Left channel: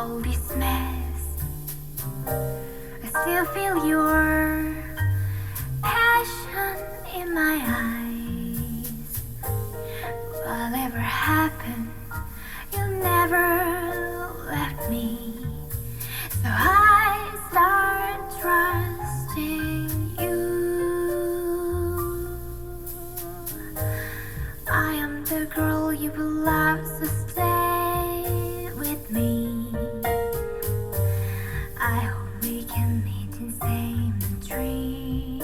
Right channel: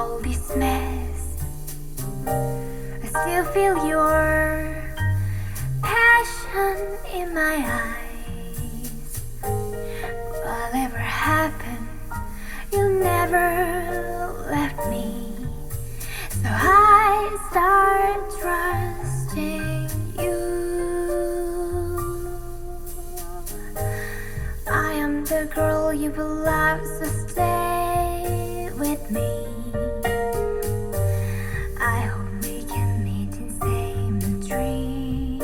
all this mess. I still feel your passion in my eyes. Whatever happened, you never left me. So I start trusting you. I am the girl you will love, so stay with me. I hope we can meet in same dream.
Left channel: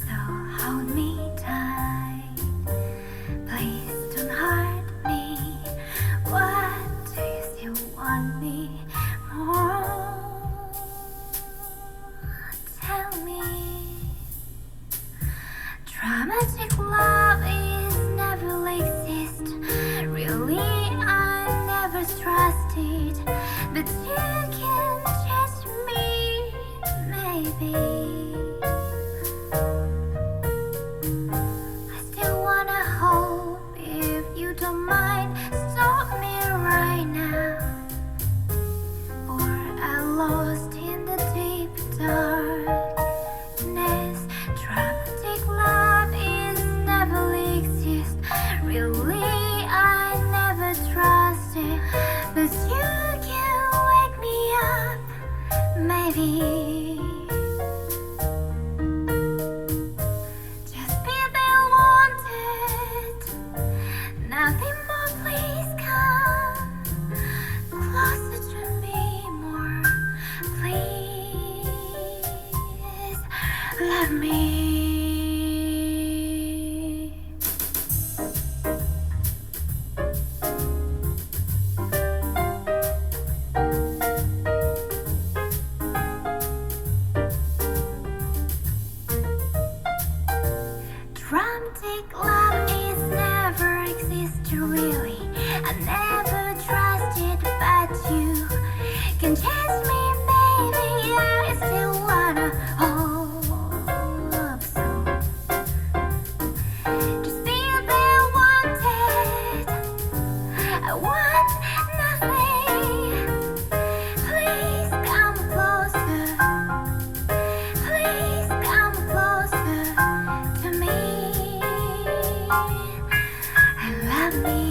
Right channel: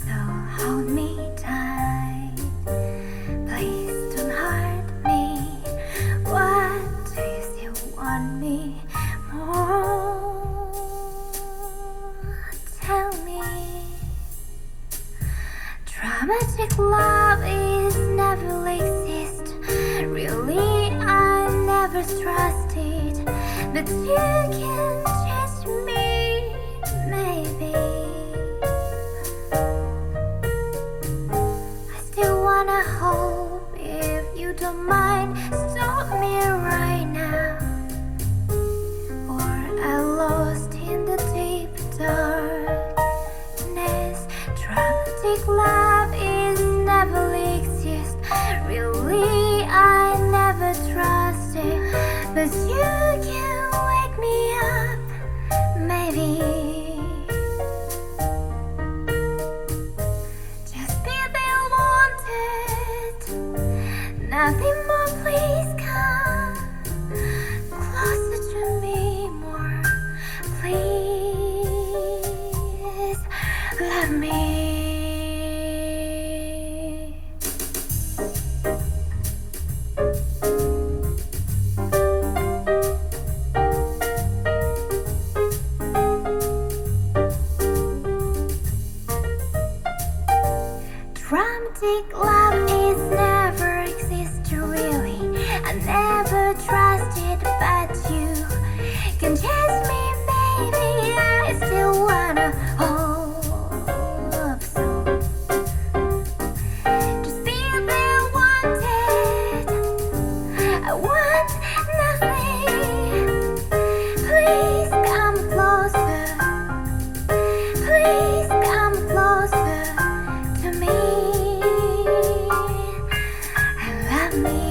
So hold me tight, please don't hurt me. What do you still want me more? Tell me. Dramatic love is never exist. Really, I never trusted that you can change me, maybe. I still wanna hope, if you don't mind, stop me right now. Or I'm lost in the deep darkness. Dramatic love is never exist. Really, I never trusted, but you can wake me up, maybe. Just be there wanted, nothing more. Please come closer to me more. Please love me. Dramatic love is never exist, really. I never trusted, but you can chase me, baby. I still wanna hope so. Just be there wanted, I want nothing. Please come closer, please come closer to me and love me.